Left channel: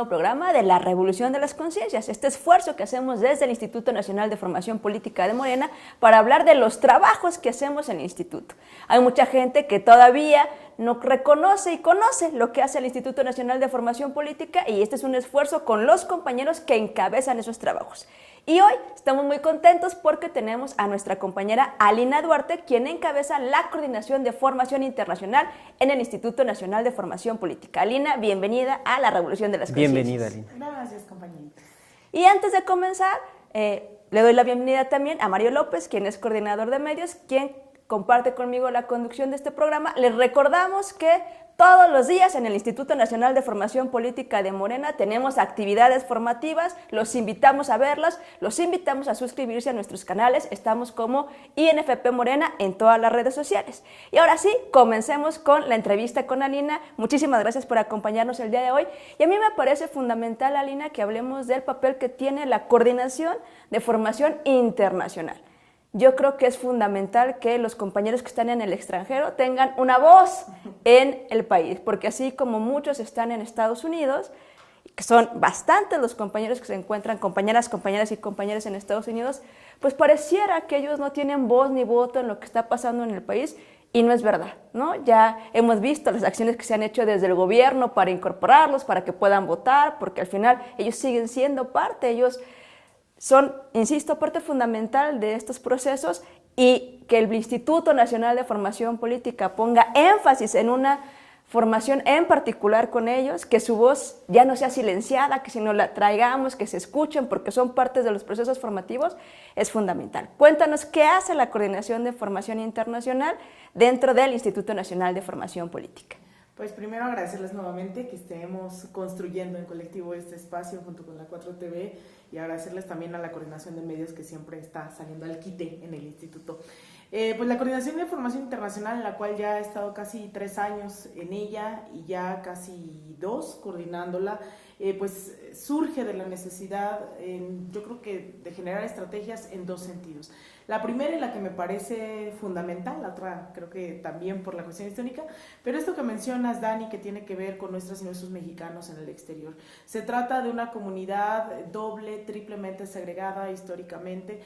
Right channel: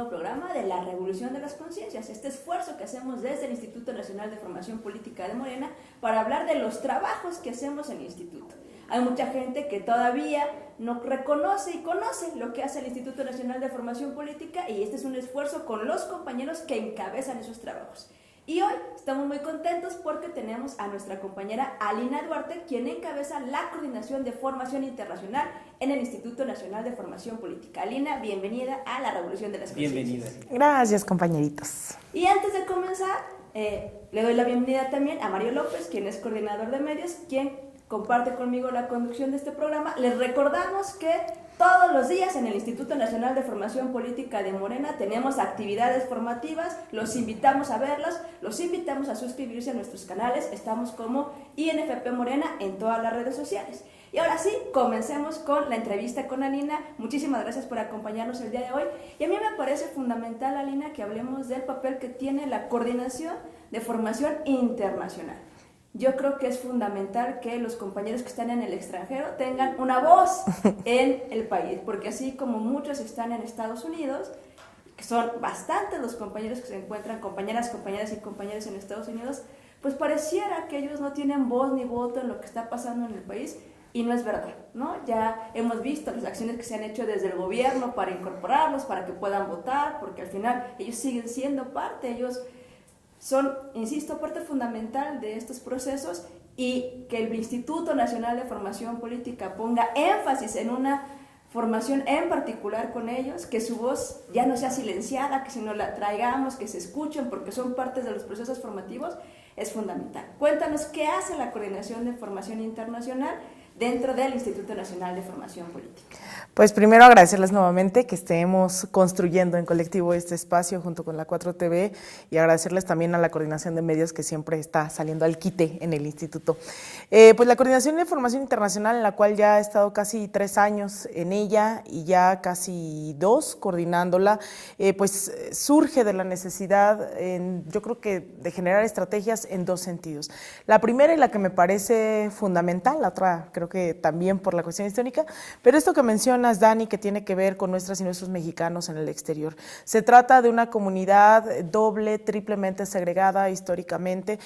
nuevo programa de la Revolución de las Conciencias, este esfuerzo que hacemos desde el Instituto Nacional de Formación Política de Morena para hablar de los trabajos que hacemos en el instituto. Hay mucha gente que todavía no reconoce y conoce lo que hace el Instituto Nacional de Formación Política, y este es un esfuerzo con los compañeros que encabezan esos trabajos. Y hoy estamos muy contentos porque tenemos a nuestra compañera Alina Duarte, quien encabeza la Coordinación de Formación Internacional en el Instituto Nacional de Formación Política. Alina, bienvenida a la Revolución de las Conciencias. Bienvenida, Alina. Gracias, compañeritos. Y antes de comenzar, le doy la bienvenida también a Mario López, quien es coordinador de medios, quien comparte conmigo la conducción de este programa. Les recordamos que todos los días en el Instituto Nacional de Formación Política de Morena tenemos actividades formativas, los invitamos a verlas, los invitamos a suscribirse a nuestros canales, estamos como INFP Morena en todas las redes sociales. Y ahora sí, comencemos con la entrevista con Alina. Muchísimas gracias por acompañarnos el día de hoy. Y a mí me parece fundamental, Alina, que hablemos del papel que tiene la Coordinación de Formación Internacional. Yo creo que es fundamental que los compañeros que están en el extranjero tengan una voz en el país, porque así como muchos están en Estados Unidos, que son bastantes los compañeros que se encuentran, compañeras y compañeros en Estados Unidos, pues pareciera que ellos no tienen voz ni voto en lo que está pasando en el país, y no es verdad, ¿no? Ya hemos visto las acciones que se han hecho desde el gobierno para incorporarlos, para que puedan votar, porque al final ellos siguen siendo parte, ellos son, insisto, parte fundamental de estos procesos, y que el Instituto Nacional de Formación Política ponga énfasis en una formación en particular con ellos, que su voz ya no sea silenciada, que si no la traigamos, que se escuchen porque son partes de los procesos formativos, es fundamental. Cuéntanos qué hace la Coordinación de Formación Internacional dentro del Instituto Nacional de Formación Política. Pues primero agradecerles nuevamente que estemos construyendo en colectivo este espacio junto con la 4TV, y agradecerles también a la Coordinación de Medios que siempre está saliendo al quite en el instituto. Pues la Coordinación de Formación Internacional, en la cual ya he estado casi 3 años en ella y ya casi 2 coordinándola, pues surge de la necesidad, yo creo que de generar estrategias en 2 sentidos. La primera, y la que me parece fundamental, la otra creo que también por la cuestión histórica, pero esto que mencionas, Dani, que tiene que ver con nuestras y nuestros mexicanos en el exterior. Se trata de una comunidad doble, triplemente segregada históricamente.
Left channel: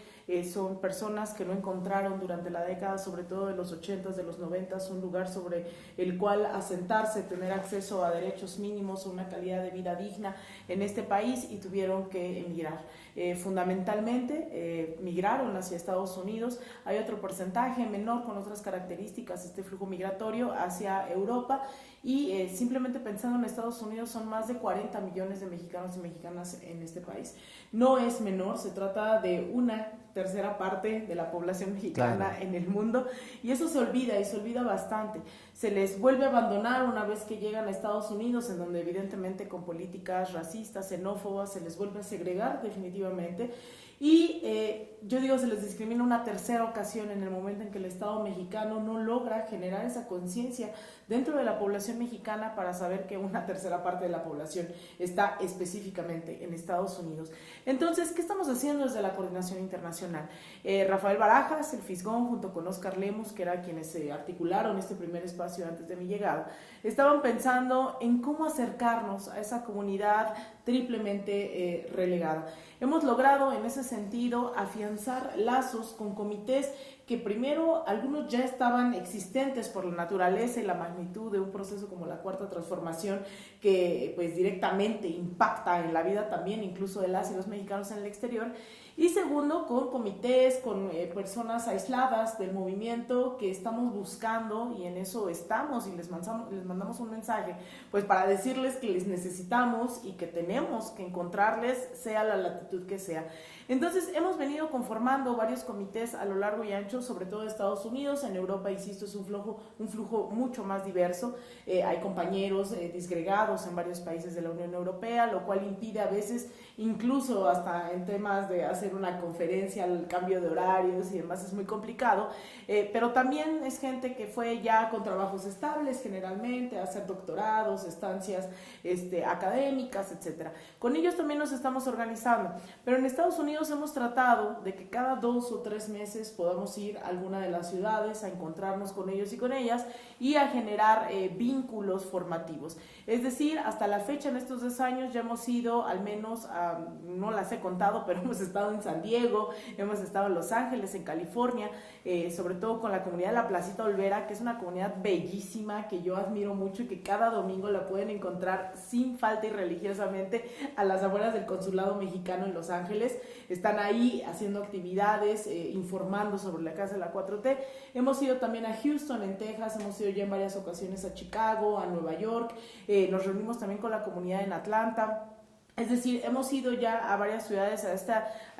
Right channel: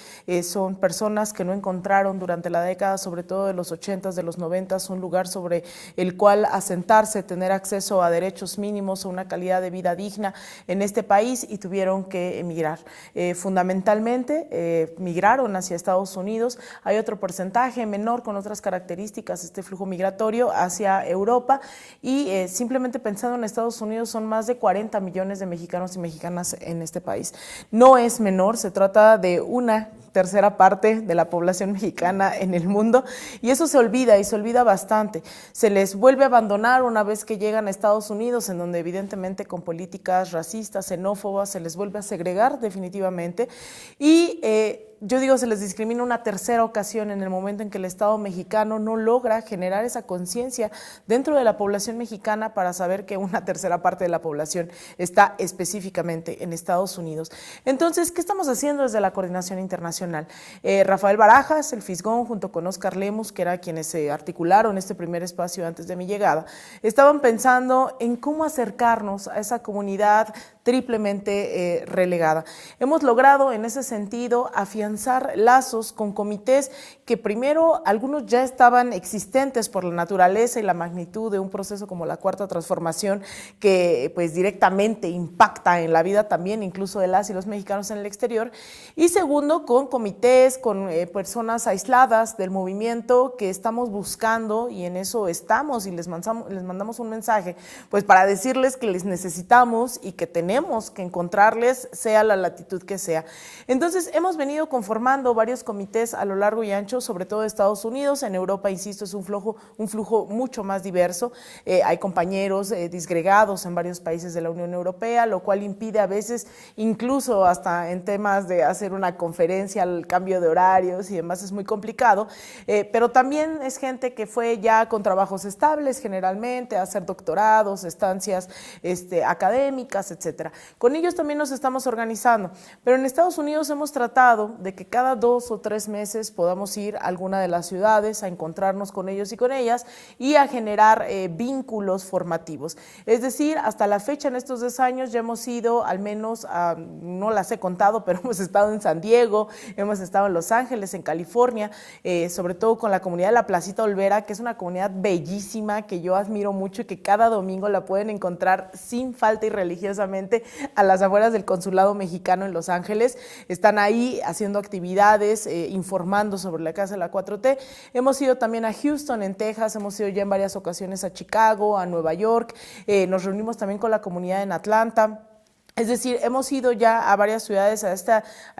Son personas que no encontraron durante la década, sobre todo de los 80s, de los 90s, un lugar sobre el cual asentarse, tener acceso a derechos mínimos, a una calidad de vida digna en este país, y tuvieron que emigrar. Fundamentalmente migraron hacia Estados Unidos. Hay otro porcentaje menor con otras características, este flujo migratorio hacia Europa, y simplemente pensando en Estados Unidos son más de 40 millones de mexicanos y mexicanas en este país. No es menor, se trata de una tercera parte de la población mexicana en el mundo, y eso se olvida, y se olvida bastante. Se les vuelve a abandonar una vez que llegan a Estados Unidos, en donde evidentemente con políticas racistas, xenófobas, se les vuelve a segregar definitivamente, y yo digo, se les discrimina una tercera ocasión en el momento en que el Estado mexicano no logra generar esa conciencia dentro de la población mexicana para saber que una tercera parte de la población está específicamente en Estados Unidos. Entonces, ¿qué estamos haciendo desde la Coordinación Internacional? Rafael Barajas, el Fisgón, junto con Oscar Lemus, que eran quienes se articularon este primer espacio antes de mi llegada, estaban pensando en cómo acercarnos a esa comunidad triplemente relegada. Hemos logrado en ese sentido afianzar lazos con comités que primero algunos ya estaban existentes por la naturaleza y la magnitud de un proceso como la Cuarta Transformación, que pues directamente impacta en la vida también incluso de las y los mexicanos en el exterior, y segundo con comités, con personas aisladas del movimiento que estamos buscando, y en eso estamos, y les mandamos un mensaje pues para decirles que les necesitamos y que tenemos que encontrarles, sea la latitud que sea. Entonces hemos venido conformando varios comités a lo largo y ancho, sobre todo de Estados Unidos. En Europa, insisto, es un flujo mucho más diverso. Hay compañeros disgregados en varios países de la Unión Europea, lo cual impide a veces, incluso hasta en temas de hacer una conferencia al cambio de horarios y demás es muy complicado, pero también es gente que fue ya con trabajos estables generalmente, a hacer doctorados, estancias académicas, etcétera. Con ellos también nos estamos organizando, pero en Estados Unidos hemos tratado de que cada 2 o 3 meses podamos ir a alguna de las ciudades a encontrarnos con ellos y con ellas y a generar vínculos formativos. Es decir, hasta la fecha en estos 2 años ya hemos ido al menos a, no las he contado, pero hemos estado en San Diego, hemos estado en Los Ángeles, en California, sobre todo con la comunidad de la Placita Olvera, que es una comunidad bellísima que yo admiro mucho y que cada domingo la pueden encontrar sin falta y religiosamente a las afueras del Consulado Mexicano en Los Ángeles. Están ahí haciendo actividades, informando sobre la Casa de la 4T. Hemos ido también a Houston, en Texas, hemos ido ya en varias ocasiones a Chicago, a Nueva York, nos reunimos también con la comunidad en Atlanta. Es decir, hemos ido ya a varias ciudades a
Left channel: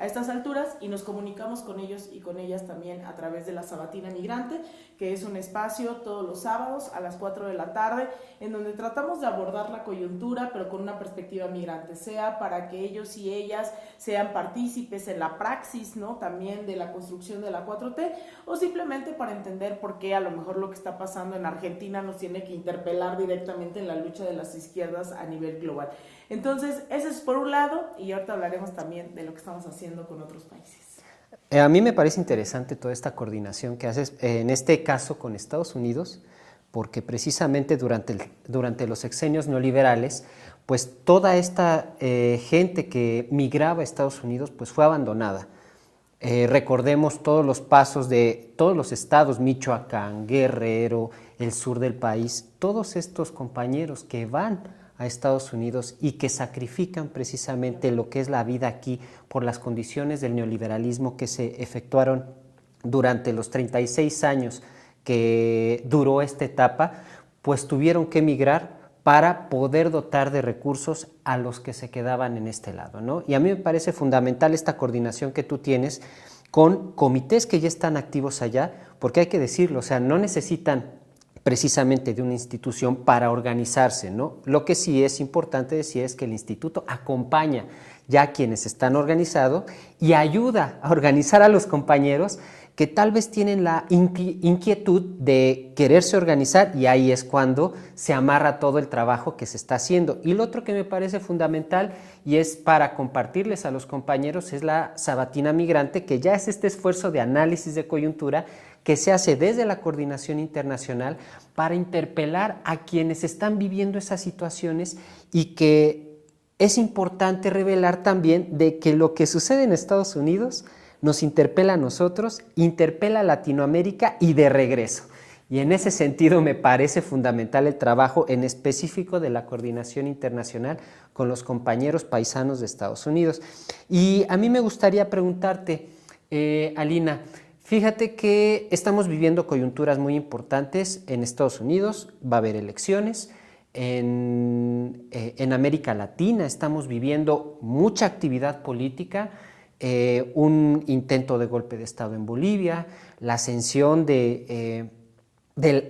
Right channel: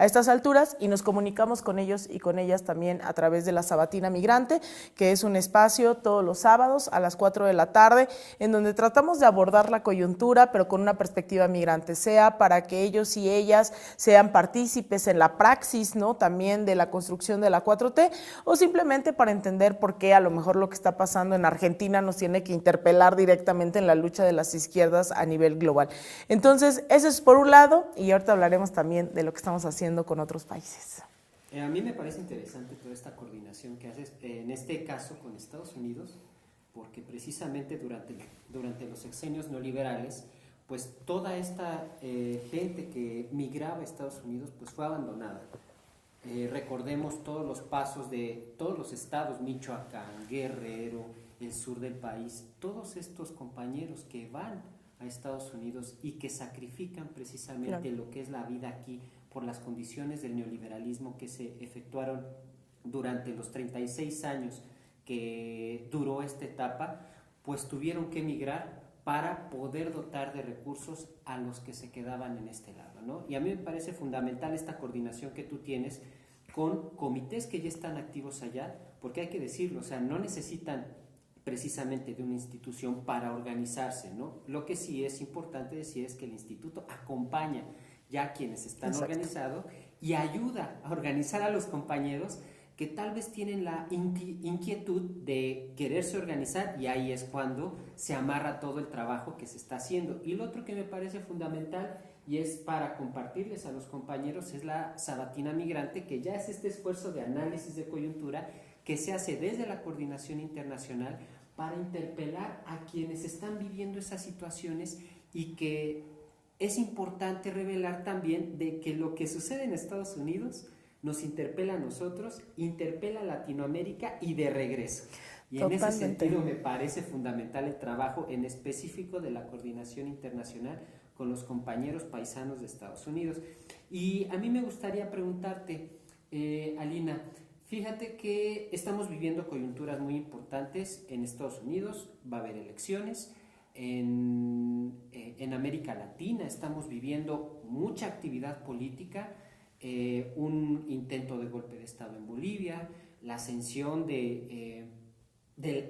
estas alturas y nos comunicamos con ellos y con ellas también a través de la Sabatina Migrante, que es un espacio todos los sábados a las 4 de la tarde, en donde tratamos de abordar la coyuntura, pero con una perspectiva migrante, sea para que ellos y ellas sean partícipes en la praxis, ¿no? También de la construcción de la 4T, o simplemente para entender por qué a lo mejor lo que está pasando en Argentina nos tiene que interpelar directamente en la lucha de las izquierdas a nivel global. Entonces, eso es por un lado, y ahorita hablaremos también de lo que estamos haciendo con otros países. A mí me parece interesante toda esta coordinación que haces, en este caso con Estados Unidos, porque precisamente durante los sexenios neoliberales, pues toda esta gente que migraba a Estados Unidos pues fue abandonada. Recordemos todos los pasos de todos los estados, Michoacán, Guerrero, el sur del país, todos estos compañeros que van a Estados Unidos y que sacrifican precisamente lo que es la vida aquí por las condiciones del neoliberalismo que se efectuaron durante los 36 años que duró esta etapa, pues tuvieron que emigrar para poder dotar de recursos a los que se quedaban en este lado, ¿no? Y a mí me parece fundamental esta coordinación que tú tienes con comités que ya están activos allá, porque hay que decirlo, o sea, no necesitan precisamente de una institución para organizarse, ¿no? Lo que sí es importante decir es que el instituto acompaña ya a quienes están organizados y ayuda a organizar a los compañeros que tal vez tienen la inquietud de quererse organizar, y ahí es cuando se amarra todo el trabajo que se está haciendo. Y lo otro que me parece fundamental y es para compartirles a los compañeros es la Sabatina Migrante, que ya es este esfuerzo de análisis de coyuntura que se hace desde la coordinación internacional para interpelar a quienes están viviendo esas situaciones, y que es importante revelar también de que lo que sucede en Estados Unidos nos interpela a nosotros, interpela a Latinoamérica y de regreso. Y en ese sentido me parece fundamental el trabajo en específico de la coordinación internacional con los compañeros paisanos de Estados Unidos. Y a mí me gustaría preguntarte, Alina, fíjate que estamos viviendo coyunturas muy importantes en Estados Unidos, va a haber elecciones, en América Latina estamos viviendo mucha actividad política, un intento de golpe de Estado en Bolivia, la ascensión del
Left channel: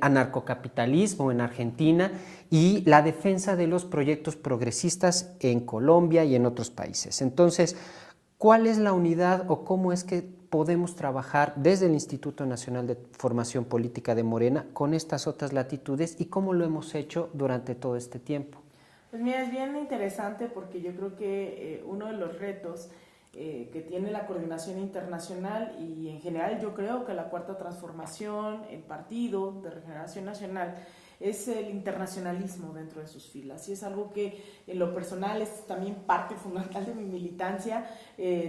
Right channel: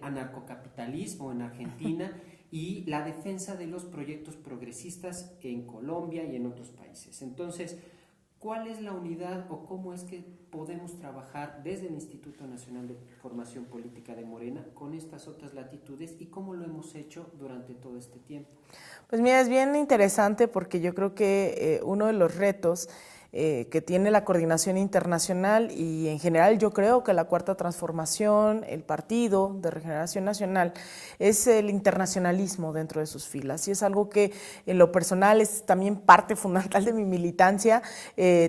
anarcocapitalismo en Argentina y la defensa de los proyectos progresistas en Colombia y en otros países. Entonces, ¿cuál es la unidad o cómo es que podemos trabajar desde el Instituto Nacional de Formación Política de Morena con estas otras latitudes y cómo lo hemos hecho durante todo este tiempo? Pues mira, es bien interesante porque yo creo que uno de los retos que tiene la coordinación internacional y en general yo creo que la Cuarta Transformación, el Partido de Regeneración Nacional, es el internacionalismo dentro de sus filas, y es algo que en lo personal es también parte fundamental de mi militancia,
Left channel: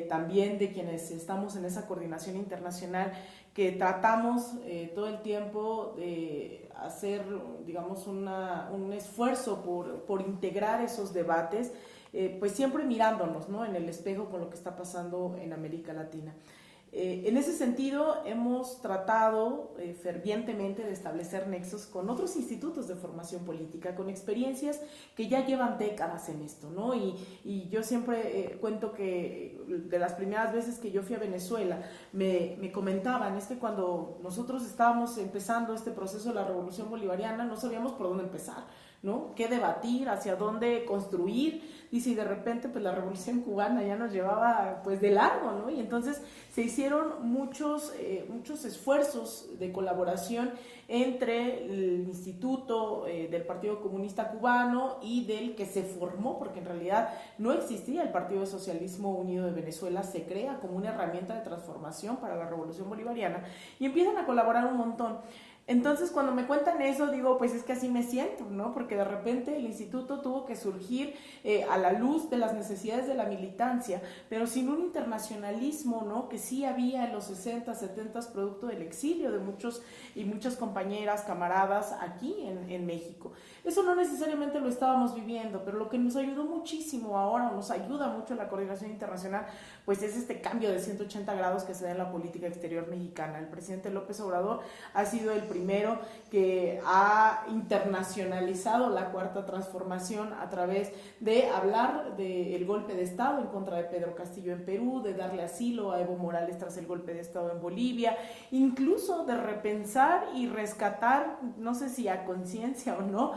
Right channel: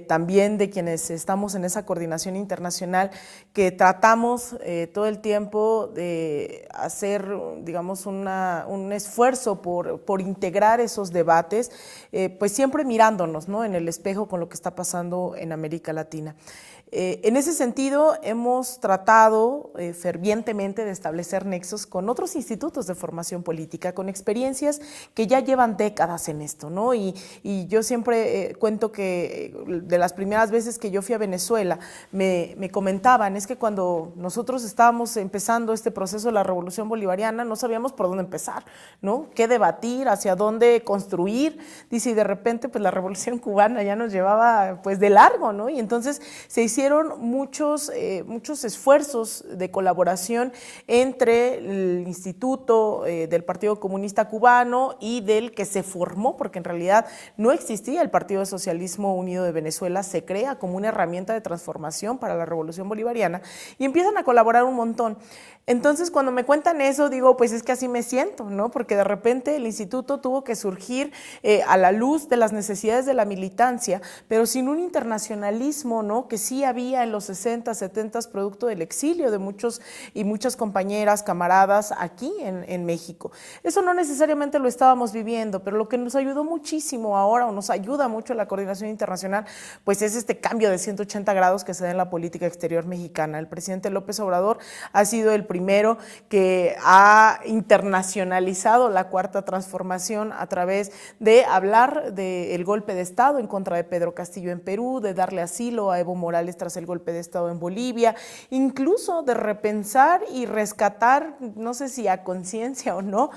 también de quienes estamos en esa coordinación internacional, que tratamos todo el tiempo de hacer, digamos, un esfuerzo por integrar esos debates, pues siempre mirándonos, ¿no?, en el espejo con lo que está pasando en América Latina. En ese sentido, hemos tratado fervientemente de establecer nexos con otros institutos de formación política, con experiencias que ya llevan décadas en esto, ¿no? Y yo siempre cuento que de las primeras veces que yo fui a Venezuela, me comentaban, es que cuando nosotros estábamos empezando este proceso de la Revolución Bolivariana, no sabíamos por dónde empezar, ¿no? Qué debatir, hacia dónde construir, dice, y de repente pues la Revolución Cubana ya nos llevaba pues de largo, ¿no? Y entonces se hicieron muchos esfuerzos de colaboración entre el Instituto del Partido Comunista Cubano y del que se formó, porque en realidad no existía el Partido Socialismo Unido de Venezuela, se crea como una herramienta de transformación para la Revolución Bolivariana y empiezan a colaborar un montón. Entonces, cuando me cuentan eso, digo, pues es que así me siento, ¿no? Porque de repente el instituto tuvo que surgir a la luz de las necesidades de la militancia, pero sin un internacionalismo, ¿no? Que sí había en los 60, 70, producto del exilio de muchos y muchas compañeras, camaradas aquí en México. Eso no necesariamente lo estábamos viviendo, pero lo que nos ayudó muchísimo ahora, o nos ayuda mucho la coordinación internacional, pues es este cambio de 180 grados que se da en la política exterior mexicana. El presidente López Obrador ha sido el primero que ha internacionalizado la Cuarta Transformación a través de hablar del golpe de Estado en contra de Pedro Castillo en Perú, de darle asilo a Evo Morales tras el golpe de Estado en Bolivia, incluso de repensar y rescatar, no sé si a conciencia o no,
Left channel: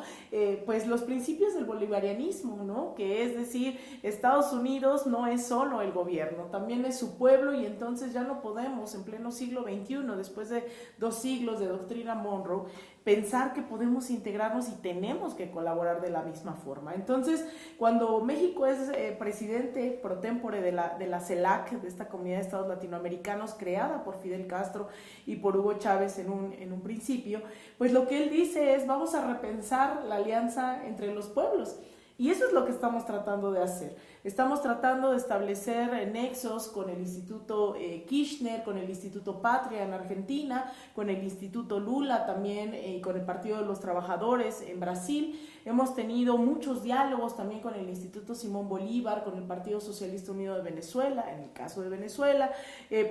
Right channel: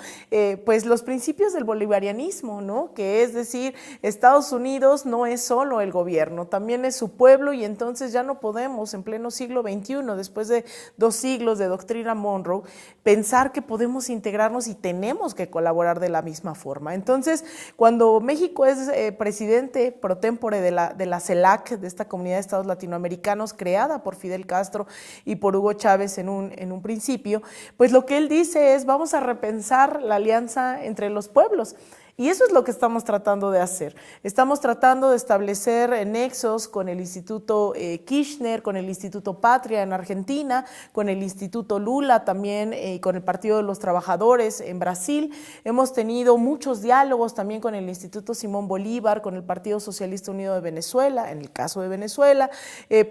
pues los principios del bolivarianismo, ¿no? Que es decir, Estados Unidos no es solo el gobierno, también es su pueblo, y entonces ya no podemos en pleno siglo XXI, después de 2 siglos de doctrina Monroe, pensar que podemos integrarnos y tenemos que colaborar de la misma forma. Entonces, cuando México es presidente pro tempore de la CELAC, de esta Comunidad de Estados Latinoamericanos, creada por Fidel Castro y por Hugo Chávez en un principio, pues lo que él dice es: vamos a repensar la alianza entre los pueblos. Y eso es lo que estamos tratando de hacer. Estamos tratando de establecer nexos con el Instituto Kirchner, con el Instituto Patria en Argentina, con el Instituto Lula también, con el Partido de los Trabajadores en Brasil. Hemos tenido muchos diálogos también con el Instituto Simón Bolívar, con el Partido Socialista Unido de Venezuela, en el caso de Venezuela,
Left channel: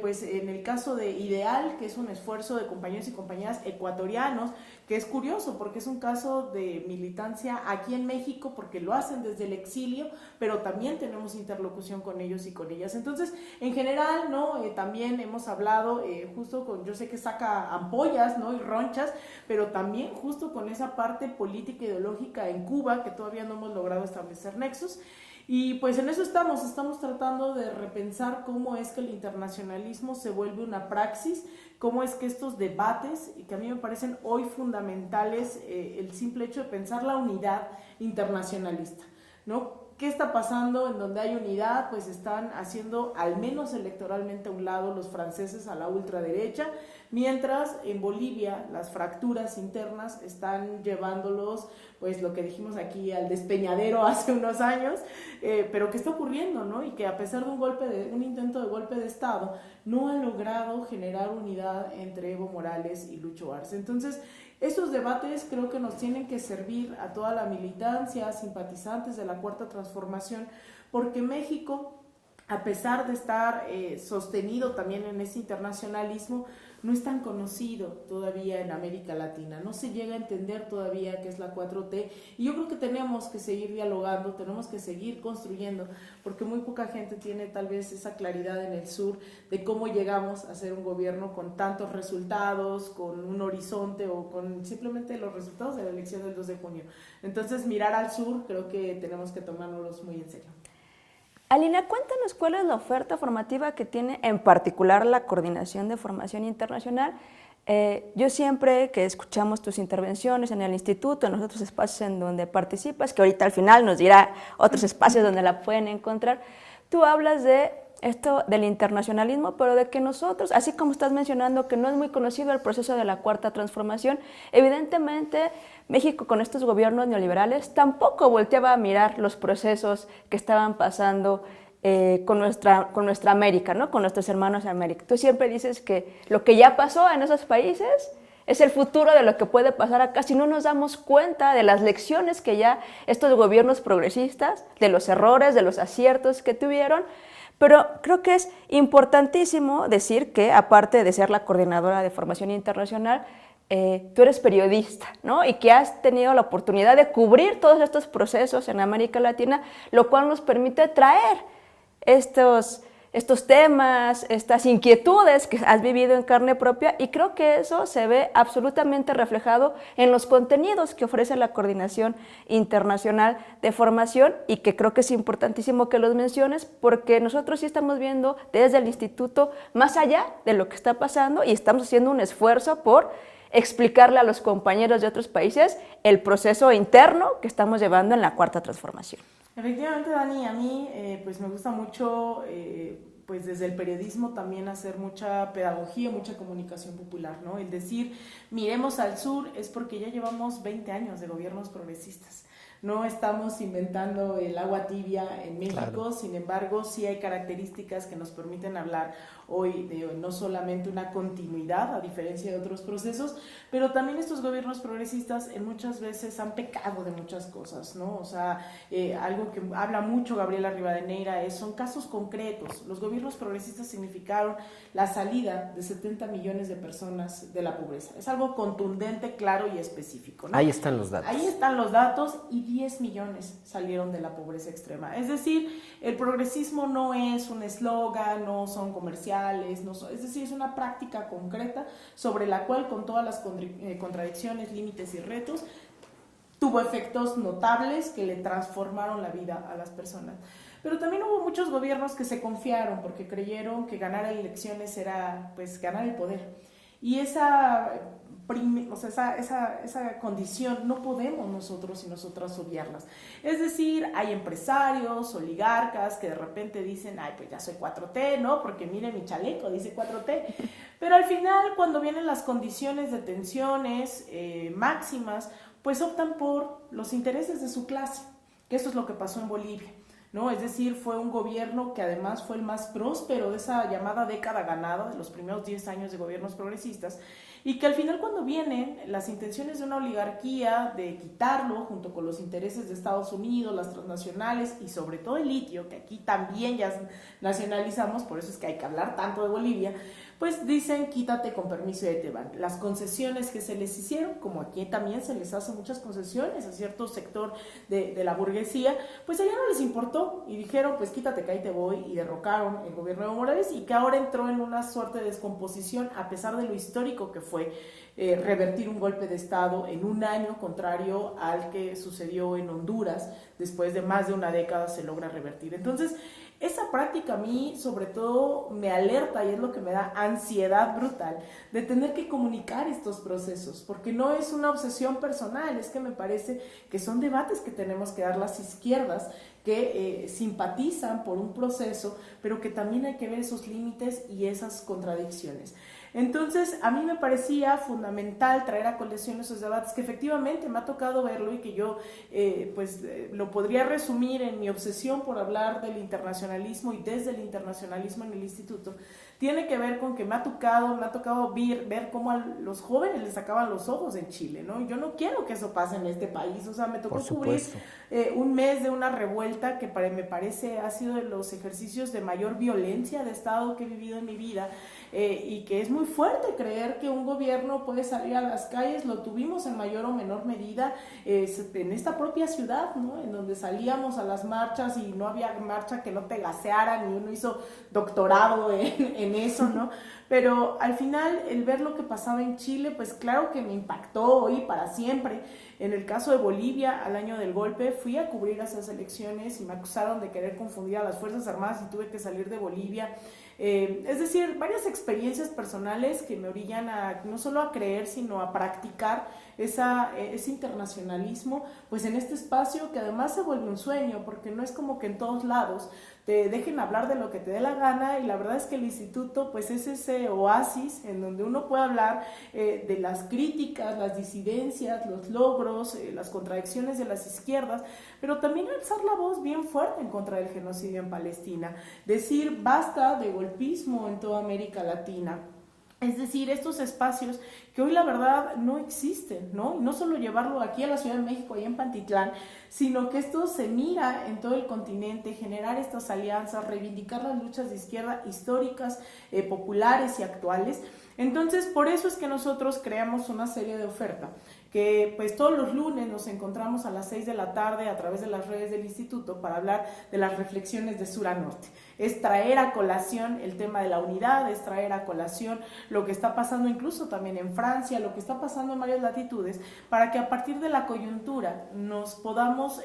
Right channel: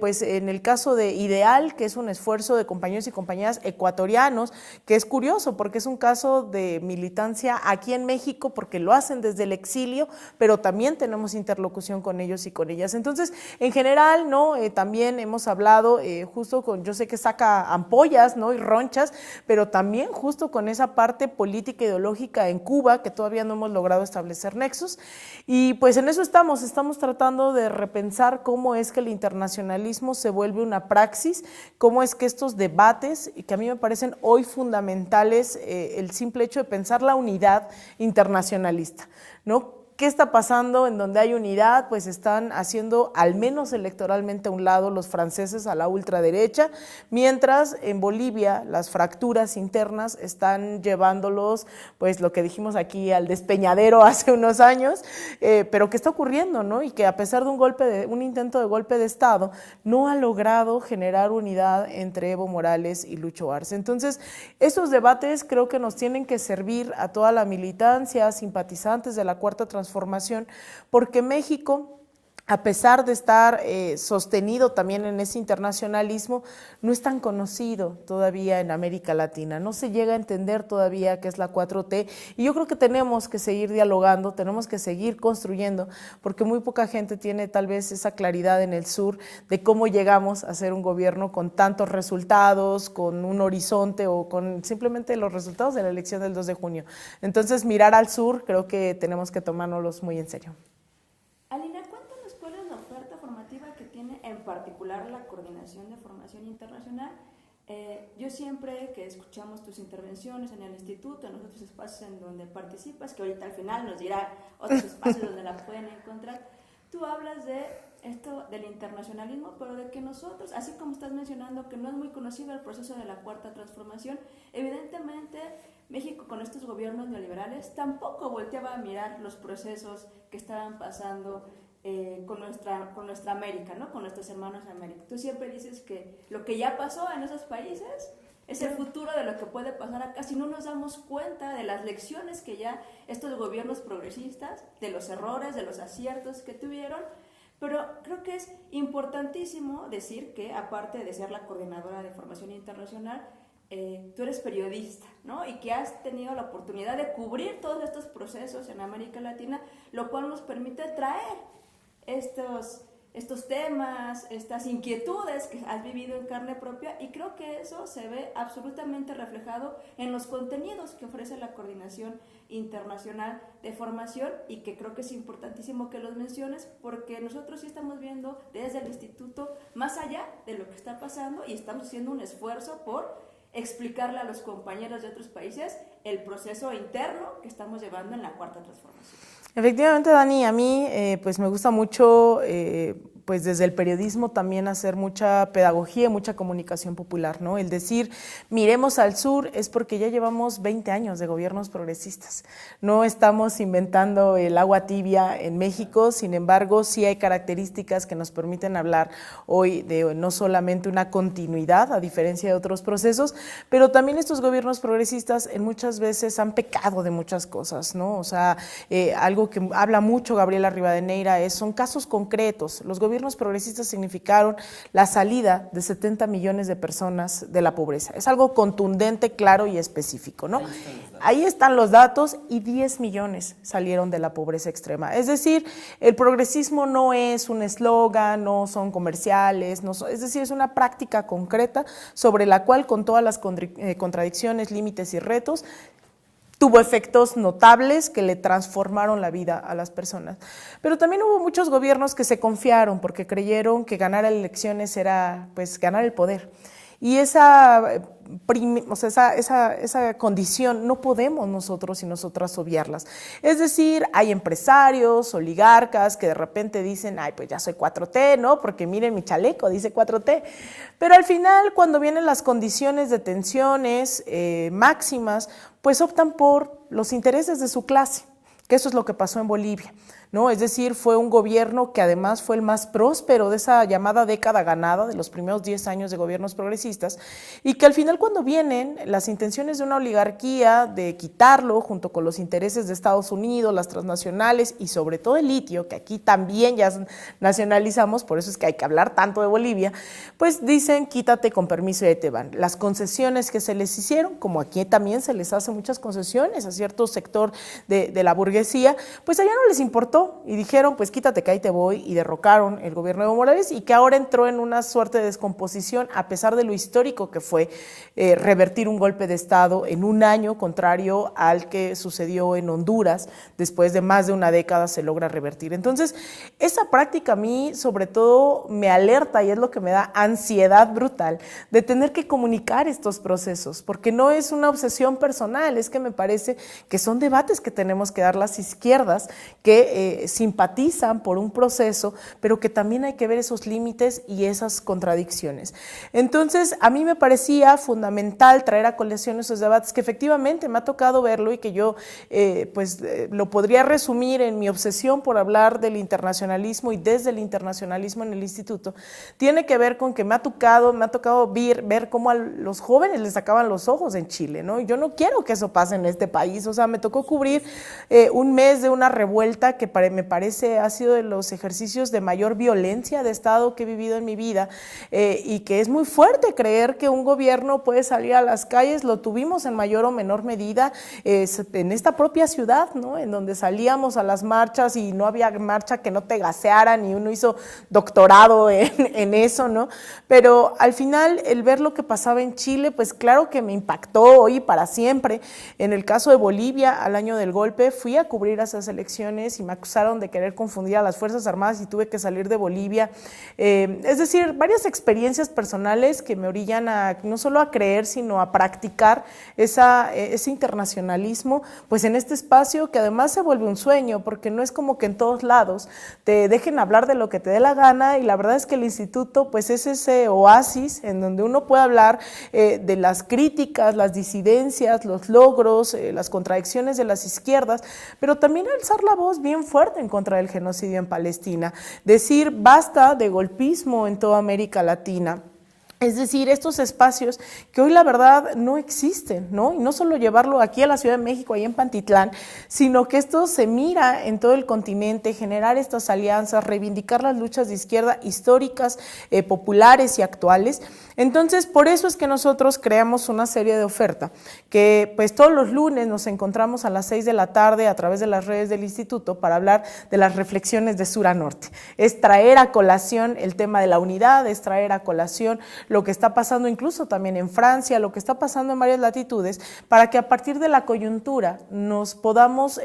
pues en el caso de IDEAL, que es un esfuerzo de compañeros y compañeras ecuatorianos, que es curioso porque es un caso de militancia aquí en México, porque lo hacen desde el exilio, pero también tenemos interlocución con ellos y con ellas. Entonces, en general, ¿no? También hemos hablado justo con, yo sé que saca ampollas, ¿no? Y ronchas, pero también justo con esa parte política ideológica en Cuba, que todavía no hemos logrado establecer nexos. Y pues en eso estamos tratando de repensar cómo es que el internacionalismo se vuelve una praxis, cómo es que estos debates, que a mí me parecen hoy fundamentales, el simple hecho de pensar la unidad internacionalista, ¿no? ¿Qué está pasando? En donde hay unidad, pues están haciendo, al menos electoralmente a un lado, los franceses a la ultraderecha, mientras en Bolivia las fracturas internas están llevándolos, pues lo que dijimos aquí, al despeñadero hace unos años, pero que está ocurriendo, ¿no? Y que a pesar de un intento de golpe de Estado, no ha logrado generar unidad entre Evo Morales y Lucho Arce. Entonces, estos debates creo que nos tienen que servir a toda la militancia, simpatizantes de la Cuarta Transformación, porque México, a pesar de estar sostenido también en ese internacionalismo, no es tan conocido todavía en América Latina, no se llega a entender todavía qué es la 4T, y yo creo que tenemos que seguir dialogando, tenemos que seguir construyendo, porque muy poca gente tiene tal vez esa claridad en el sur de cómo llegamos a ser un gobierno con tantos resultados, con un horizonte o con simplemente los resultados de la elección del 2 de junio. Entonces, mirar al sur, creo que tenemos que tomárnoslos muy en serio. Alina, cuéntanos cuál es la oferta formativa que tiene en particular la Coordinación de Formación Internacional. Yo siempre que escuchamos tus intervenciones en el instituto, en los otros espacios en donde participas, que ahorita al final nos dirá otros espacios donde la pueden encontrar, tú hablas de esto del internacionalismo, pero de que nosotros, así como estás mencionando que no es muy conocido el proceso de la Cuarta Transformación, evidentemente México con estos gobiernos neoliberales tampoco volteaba a mirar los procesos que estaban pasando con nuestra América, ¿no? Con nuestros hermanos de América. Tú siempre dices que lo que ya pasó en esos países es el futuro de lo que puede pasar acá si no nos damos cuenta de las lecciones que ya estos gobiernos progresistas, de los errores, de los aciertos que tuvieron. Pero creo que es importantísimo decir que, aparte de ser la coordinadora de formación internacional, tú eres periodista, ¿no? Y que has tenido la oportunidad de cubrir todos estos procesos en América Latina, lo cual nos permite traer estos temas, estas inquietudes que has vivido en carne propia, y creo que eso se ve absolutamente reflejado en los contenidos que ofrece la Coordinación Internacional de Formación, y que creo que es importantísimo que los menciones, porque nosotros sí estamos viendo desde el instituto más allá de lo que está pasando y estamos haciendo un esfuerzo por explicarle a los compañeros de otros países el proceso interno que estamos llevando en la Cuarta Transformación. Efectivamente, Dani, a mí pues me gusta mucho pues desde el periodismo también hacer mucha pedagogía, mucha comunicación popular, ¿no? El decir, miremos al sur es porque ya llevamos 20 años de gobiernos progresistas. No estamos inventando el agua tibia en México, claro. Sin embargo, sí hay características que nos permiten hablar hoy de no solamente una continuidad, a diferencia de otros procesos, pero también estos gobiernos progresistas muchas veces han pecado de muchas cosas, ¿no? O sea, algo que habla mucho Gabriela Rivadeneira son casos concretos. Los gobiernos progresistas significaron la salida de 70 millones de personas de la pobreza. Es algo contundente, claro y específico, ¿no? Ahí están los datos. Ahí están los datos, y 10 millones salieron de la pobreza extrema. Es decir, el progresismo no es un eslogan, no son comerciales, es decir, es una práctica concreta sobre la cual, con todas las contradicciones, límites y retos, tuvo efectos notables que le transformaron la vida a las personas. Pero también hubo muchos gobiernos que se confiaron porque creyeron que ganar elecciones era pues ganar el poder. Y esa condición no podemos nosotros y nosotras obviarlas. Es decir, hay empresarios, oligarcas que de repente dicen, ay, pues ya soy 4T, ¿no? Porque miren mi chaleco, dice 4T. Pero al final, cuando vienen las condiciones de tensiones máximas, pues optan por los intereses de su clase, que eso es lo que pasó en Bolivia, ¿no? Es decir, fue un gobierno que además fue el más próspero de esa llamada década ganada, de los primeros 10 años de gobiernos progresistas, y que al final, cuando vienen las intenciones de una oligarquía de quitarlo junto con los intereses de Estados Unidos, las transnacionales y sobre todo el litio, que aquí también ya nacionalizamos, por eso es que hay que hablar tanto de Bolivia, pues dicen quítate con permiso y ahí te van. Las concesiones que se les hicieron, como aquí también se les hace muchas concesiones a cierto sector de la burguesía, pues allá no les importó y dijeron, pues quítate que ahí te voy, y derrocaron el gobierno de Evo Morales, y que ahora entró en una suerte de descomposición a pesar de lo histórico que fue revertir un golpe de Estado en un año, contrario al que sucedió en Honduras. Después de más de una década se logra revertir. Entonces, esa práctica a mí sobre todo me alerta, y es lo que me da ansiedad brutal de tener que comunicar estos procesos, porque no es una obsesión personal, es que me parece que son debates que tenemos que dar las izquierdas que simpatizan por un proceso, pero que también hay que ver esos límites y esas contradicciones. Entonces, a mí me parecía fundamental traer a colación esos debates, que efectivamente me ha tocado verlo, y que yo lo podría resumir en mi obsesión por hablar del internacionalismo y desde el internacionalismo en el instituto. Tiene que ver con que me ha tocado ver cómo a los jóvenes les sacaban los ojos en Chile, ¿no? Y yo no quiero que eso pase en este país. O sea, me tocó cubrir un mes de una revuelta que me parece ha sido de los ejercicios de mayor violencia de Estado que he vivido en mi vida, y que es muy fuerte creer que un gobierno puede salir a las calles. Lo tuvimos en mayor o menor medida en esta propia ciudad, ¿no? En donde salíamos a las marchas y no había marcha que no te gasearan, y uno hizo doctorado en eso, ¿no? Pero al final, el ver lo que pasaba en Chile, pues claro que me impactó hoy para siempre. En el caso de Bolivia, al año del golpe, fui a cubrir esas elecciones y me acusaron de querer confundir a las Fuerzas Armadas y tuve que salir de Bolivia. Es decir, varias experiencias personales que me orillan no solo a creer, sino a practicar ese internacionalismo, pues en este espacio que además se vuelve un sueño, porque no es como que en todos lados te dejen hablar de lo que te dé la gana, y la verdad es que el instituto pues es ese oasis en donde uno puede hablar de las críticas, las disidencias, los logros, las contradicciones de las izquierdas, pero también alzar la voz bien fuerte en contra del genocidio en Palestina, decir basta de golpismo en toda América Latina. Es decir, estos espacios que hoy la verdad no existen, ¿no? Y no solo llevarlo aquí a la Ciudad de México, ahí en Pantitlán, sino que esto se mira en todo el continente, generar estas alianzas, reivindicar las luchas de izquierda históricas, populares y actuales. Entonces, por eso es que nosotros creamos una serie de oferta, que pues todos los lunes nos encontramos a las 6 de la tarde a través de las redes del instituto para hablar de las reflexiones de sur a norte. Es traer a colación el tema de la unidad, es traer a colación lo que está pasando incluso también en Francia, lo que está pasando en varias latitudes, para que a partir de la coyuntura nos podamos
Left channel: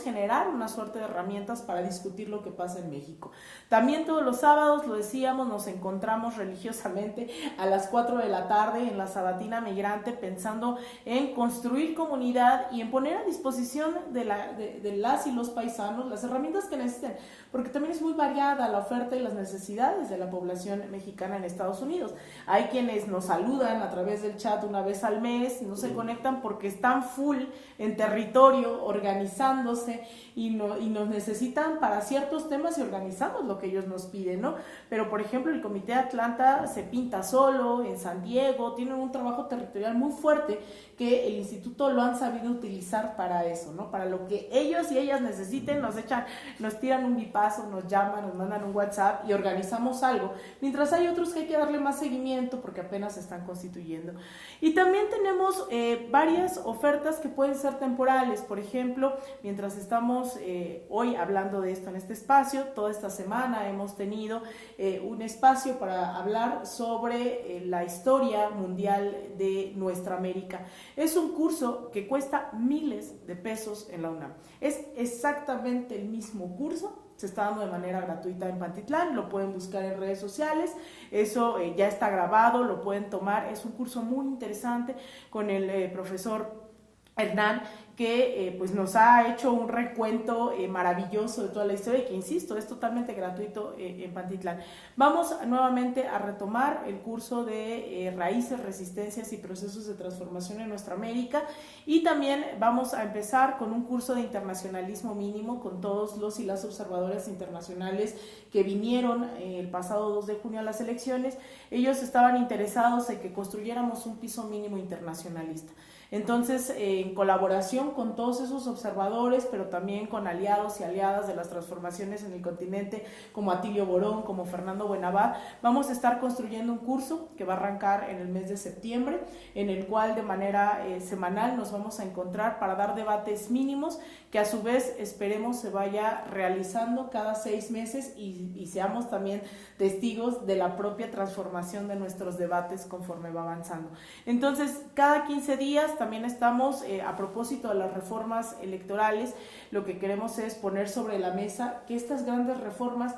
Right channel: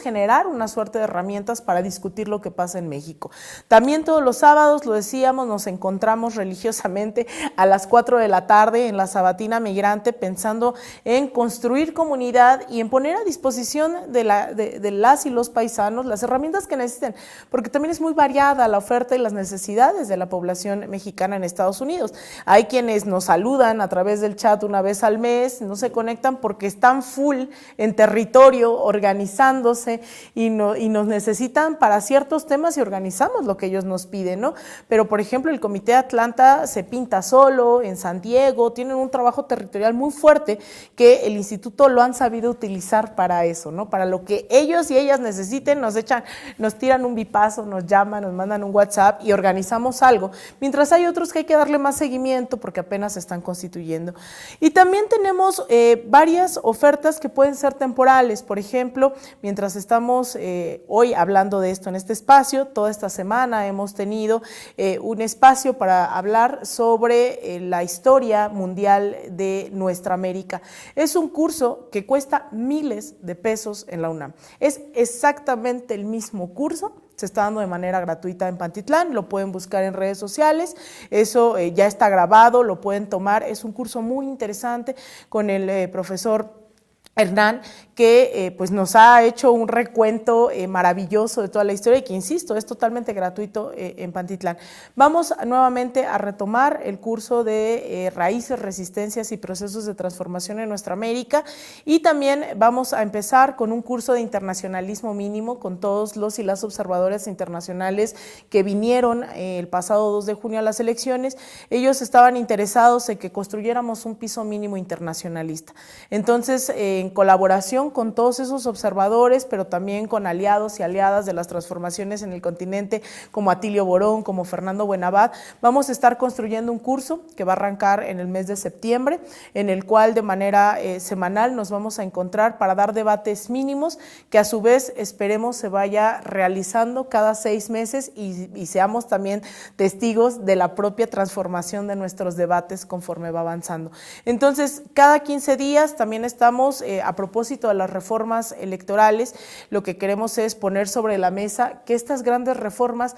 generar una suerte de herramientas para discutir lo que pasa en México. También todos los sábados, lo decíamos, nos encontramos religiosamente a las 4 de la tarde en la Sabatina Migrante, pensando en construir comunidad y en poner a disposición de las y los paisanos las herramientas que necesiten, porque también es muy variada la oferta y las necesidades de la población mexicana en Estados Unidos. Hay quienes nos saludan a través del chat una vez al mes, no se conectan porque están full en territorio, organizándose y nos necesitan para ciertos temas y organizamos lo que ellos nos piden, ¿no? Pero, por ejemplo, el Comité de Atlanta se pinta solo, en San Diego, tienen un trabajo territorial muy fuerte que el instituto lo han sabido utilizar para eso, ¿no? Para lo que ellos y ellas necesiten, nos tiran un bipazo, nos llaman, nos mandan un WhatsApp y organizamos algo, mientras hay otros que hay que darle más seguimiento porque apenas se están constituyendo. Y también tenemos varias ofertas que pueden ser temporales. Por ejemplo, mientras estamos hoy hablando de esto en este espacio, toda esta semana hemos tenido un espacio para hablar sobre la historia mundial de nuestra América. Es un curso que cuesta miles de pesos en la UNAM. Es exactamente el mismo curso. Se está dando de manera gratuita en Pantitlán, lo pueden buscar en redes sociales, eso ya está grabado, lo pueden tomar, es un curso muy interesante con el profesor Hernán, que pues nos ha hecho un recuento maravilloso de toda la historia y que, insisto, es totalmente gratuito en Pantitlán. Vamos nuevamente a retomar el curso de Raíces, Resistencias y Procesos de Transformación en Nuestra América, y también vamos a empezar con un curso de internacionalismo mínimo con todos los y las observadores internacionales que vinieron el pasado 2 de junio a las elecciones. Ellos estaban interesados en que construyéramos un piso mínimo internacionalista. Entonces, en colaboración con todos esos observadores, pero también con aliados y aliadas de las transformaciones en el continente, como Atilio Borón, como Fernando Buenabad, vamos a estar construyendo un curso que va a arrancar en el mes de septiembre, en el cual de manera semanal nos vamos a encontrar para dar debates mínimos, que a su vez esperemos se vaya realizando cada 6 meses y seamos también testigos de la propia transformación de nuestros debates conforme va avanzando. Entonces, cada 15 días también estamos a propósito de las reformas electorales, lo que queremos es poner sobre la mesa que estas grandes reformas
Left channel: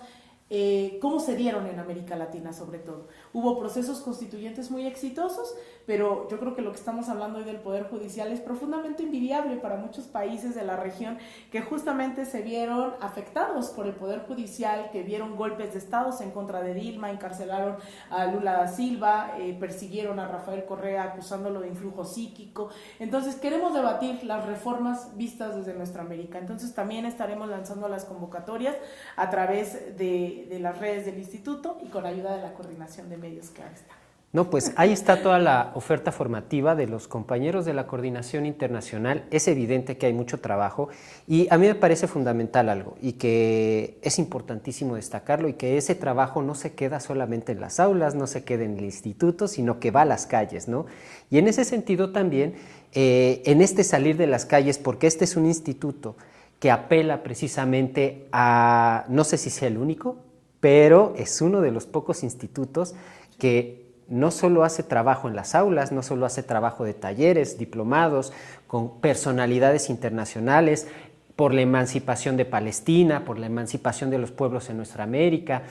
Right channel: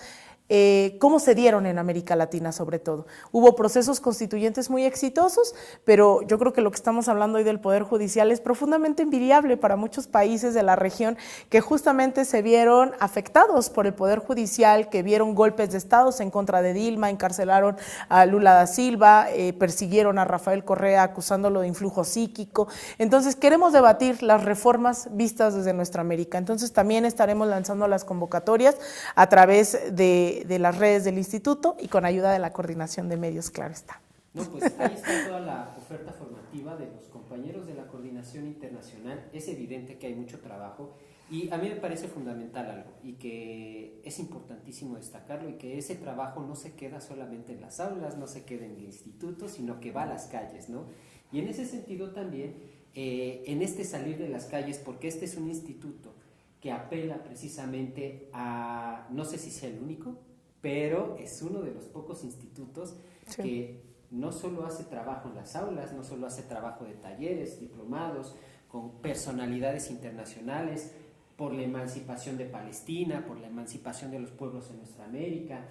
cómo se dieron en América Latina sobre todo. Hubo procesos constituyentes muy exitosos, pero yo creo que lo que estamos hablando hoy del Poder Judicial es profundamente envidiable para muchos países de la región que justamente se vieron afectados por el Poder Judicial, que vieron golpes de estados en contra de Dilma, encarcelaron a Lula da Silva, persiguieron a Rafael Correa acusándolo de influjo psíquico. Entonces queremos debatir las reformas vistas desde nuestra América. Entonces también estaremos lanzando las convocatorias a través de las redes del instituto y con ayuda de la coordinación de medios, claro está. No, pues ahí está toda la oferta formativa de los compañeros de la Coordinación Internacional. Es evidente que hay mucho trabajo y a mí me parece fundamental algo y que es importantísimo destacarlo, y que ese trabajo no se queda solamente en las aulas, no se queda en el instituto, sino que va a las calles, ¿no? Y en ese sentido también, en este salir de las calles, porque este es un instituto que apela precisamente a, no sé si sea el único, pero es uno de los pocos institutos que no solo hace trabajo en las aulas, no solo hace trabajo de talleres, diplomados, con personalidades internacionales, por la emancipación de Palestina, por la emancipación de los pueblos en nuestra América.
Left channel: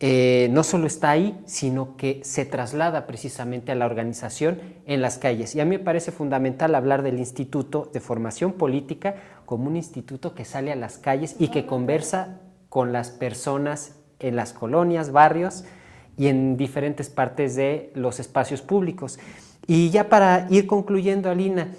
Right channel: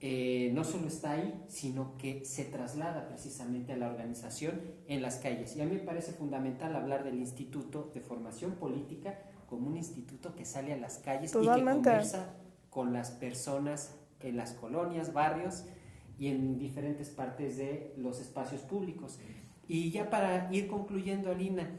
No solo está ahí, sino que se traslada precisamente a la organización en las calles. Y a mí me parece fundamental hablar del Instituto de Formación Política como un instituto que sale a las calles y que conversa con las personas en las colonias, barrios y en diferentes partes de los espacios públicos. Y ya para ir concluyendo, Alina,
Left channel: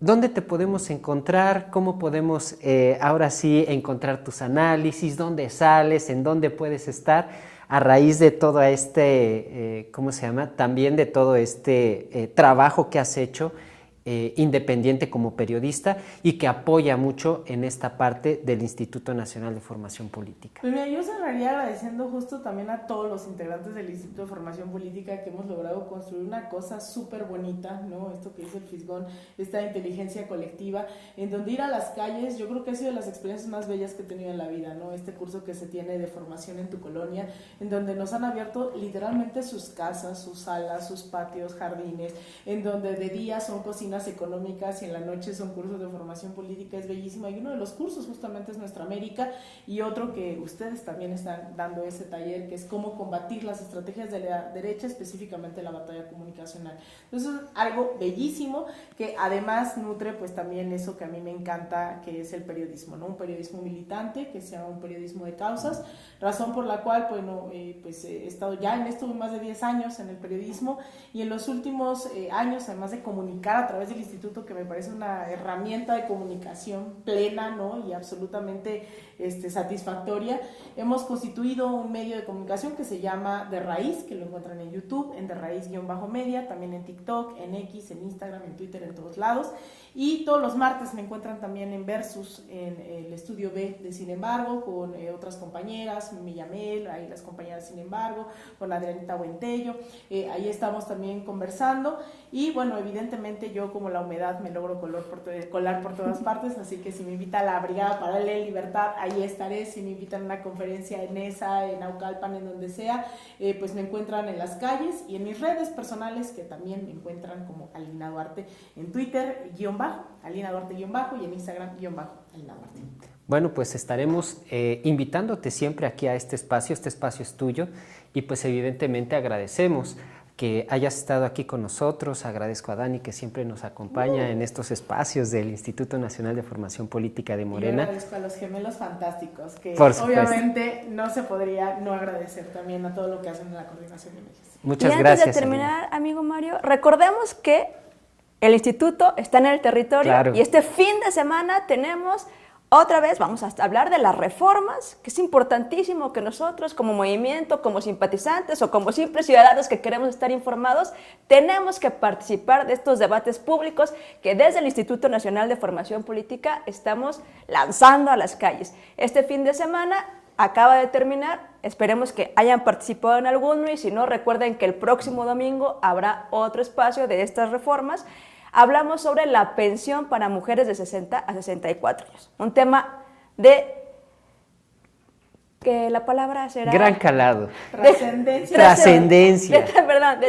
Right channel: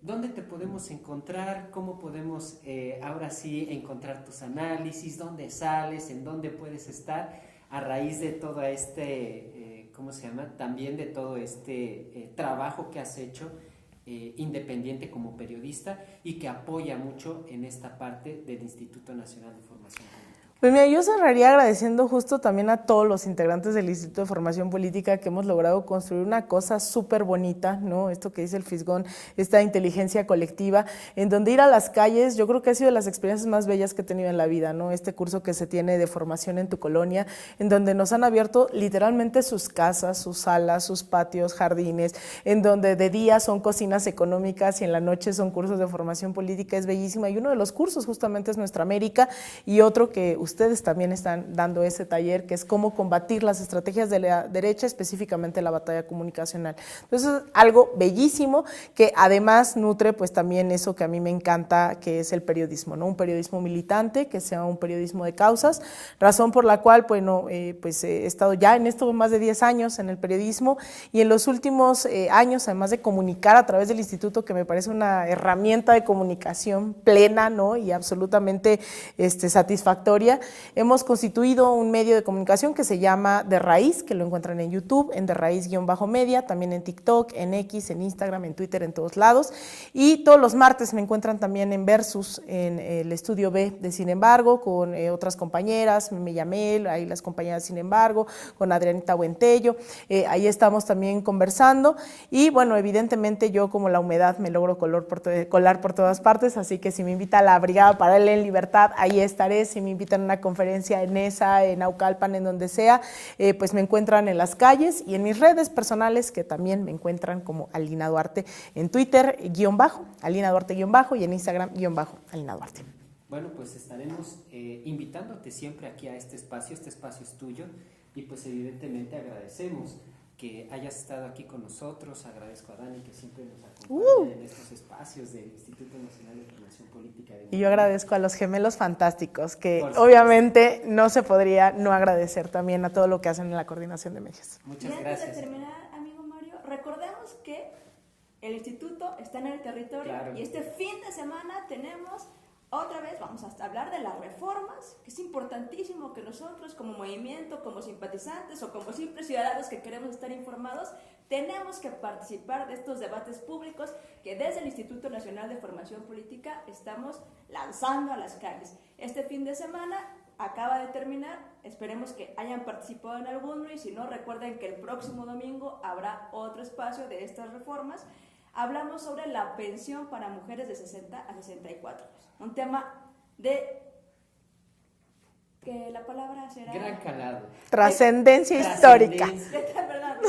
¿dónde te podemos encontrar? ¿Cómo podemos ahora sí encontrar tus análisis? ¿Dónde sales? ¿En dónde puedes estar? a raíz de todo este, ¿cómo se llama? También de todo este trabajo que has hecho independiente como periodista y que apoya mucho en esta parte del Instituto Nacional de Formación Política. Pues mira, yo cerraría agradeciendo justo también a todos los integrantes del Instituto de Formación Política que hemos logrado construir una cosa súper bonita, ¿no? Esto que dice el Fisgón, esta inteligencia colectiva, en donde ir a las calles, yo creo que ha sido de las experiencias más bellas que he tenido en la vida, ¿no? Este curso que se tiene de formación en tu colonia, en donde nos han abierto literalmente sus casas, sus salas, sus patios, jardines, en donde de día son cocinas económicas y en la noche son cursos de formación política, es bellísima, y uno de los cursos justamente es Nuestra América, y otro que ustedes también están dando ese taller, que es cómo combatir las estrategias de la derecha, específicamente la batalla comunicacional. Entonces, algo bellísimo que además nutre pues también eso que a mí me encanta, que es el periodismo, ¿no? Un periodismo militante, que sea un periodismo de causas, razón por la cual, bueno, pues he estado ya en esto más de 10 años en el periodismo, y en los últimos años, además de comunicar a través del instituto, que me parece una herramienta de comunicación plena, ¿no? Y absolutamente satisfactoria, hemos constituido un medio de comunicación que se llama De Raíz, que lo encuentran en YouTube, en De Raíz-media, también en TikTok, en X, en Instagram, en Twitter, en todos lados, y todos los martes me encuentran también en Versus, en el estudio B de Sin Embargo, con otras compañeras, me llamé, ahí las compañeras Sin Embargo, con Adrianita Buentello, ahí estamos también conversando, y bueno, evidentemente yo como la humedad me logro colar por todas partes, así que si me invita a la Brigada Paralela en Libertad, ahí estaré. Si me invitan a una conferencia en ESA, en Naucalpan, en donde sea, pues me encuentran en las calles y en mis redes personales, que también me encuentran como Alina Duarte, en Twitter, Alina Duarte _, y en Instagram, Alina Duarte. Bueno, pues estaremos invitándote siempre aquí a este espacio es tuyo, y pues evidentemente agradecemos que hayas estado aquí con nosotros. Agradezco a Dani, que siempre nos acompaña en estos espacios del Instituto Nacional de Formación Política de Morena. Y yo agradezco a los gemelos fantásticos, que obviamente no se podría no agradecer también a todo lo que hacen en la coordinación de medios. Muchas gracias. Y antes de terminar, amigo Mario, recordemos que el instituto está en el territorio, claro, y este fin de semana tenemos... Otra vez vamos a hablar de las reformas, que es importantísimo que nosotros como movimiento, como simpatizantes o como simples ciudadanos que queremos estar informados, tenemos que participar de estos debates públicos que desde el Instituto Nacional de Formación Política estamos lanzando a las calles. Este fin de semana acaba de terminar, esperemos que hayan participado en alguno, y si no, recuerden que el próximo domingo habrá otro espacio de estas reformas. Hablamos sobre la pensión para mujeres de 60 a 64 años. Un tema de que la palabra será... Gran calado. Trascendencia. De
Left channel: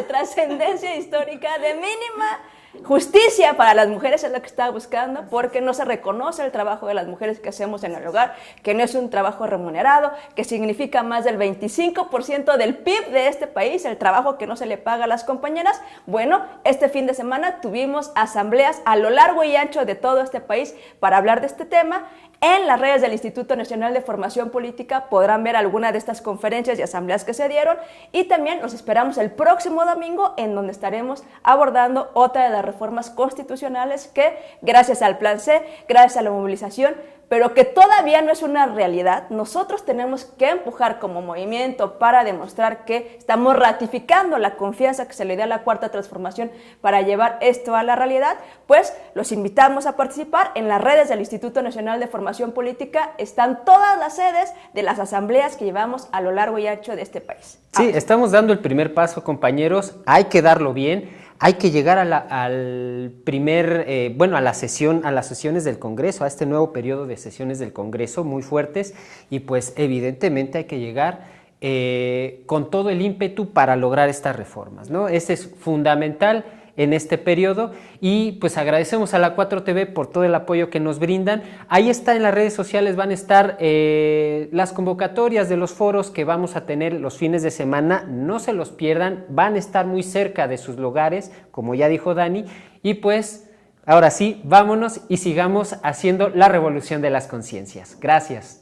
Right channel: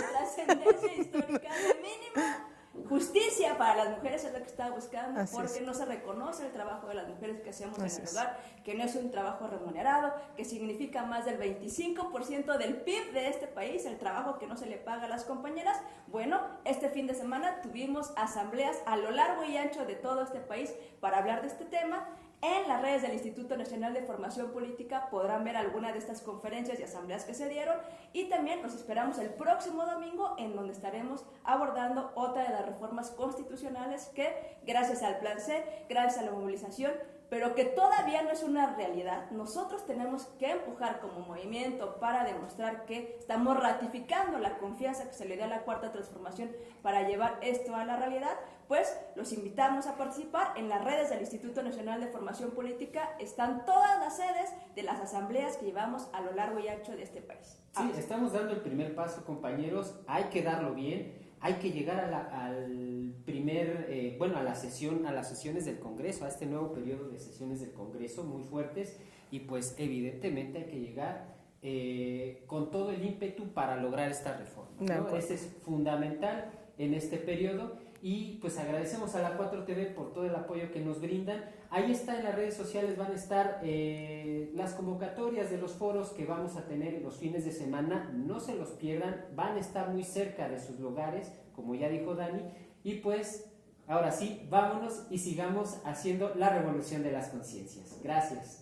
trascendencia histórica, de mínima justicia para las mujeres, es lo que estaba buscando, porque no se reconoce el trabajo de las mujeres que hacemos en el hogar, que no es un trabajo remunerado, que significa más del 25% del PIB de este país, el trabajo que no se le paga a las compañeras. Bueno, este fin de semana tuvimos asambleas a lo largo y ancho de todo este país para hablar de este tema. En las redes del Instituto Nacional de Formación Política podrán ver alguna de estas conferencias y asambleas que se dieron, y también los esperamos el próximo domingo, en donde estaremos abordando otra de las reformas constitucionales que, gracias al Plan C, gracias a la movilización, pero que todavía no es una realidad, nosotros tenemos que empujar como movimiento para demostrar que estamos ratificando la confianza que se le da a la Cuarta Transformación para llevar esto a la realidad. Pues los invitamos a participar en las redes del Instituto Nacional de Formación Política. Están todas las sedes de las asambleas que llevamos a lo largo y ancho de este país. Sí, estamos dando el primer paso, compañeros, hay que darlo bien. Hay que llegar a las sesiones del Congreso, a este nuevo periodo de sesiones del Congreso muy fuertes, y pues evidentemente hay que llegar con todo el ímpetu para lograr estas reformas, ¿no? Ese es fundamental en este periodo, y pues agradecemos a la 4TV por todo el apoyo que nos brindan. Ahí está, en las redes sociales van a estar las convocatorias de los foros que vamos a tener los fines de semana, no se los pierdan, van a estar muy cerca de sus lugares, como ya dijo Dani, y pues ahora sí, vámonos y sigamos haciendo la revolución de las conciencias. Gracias.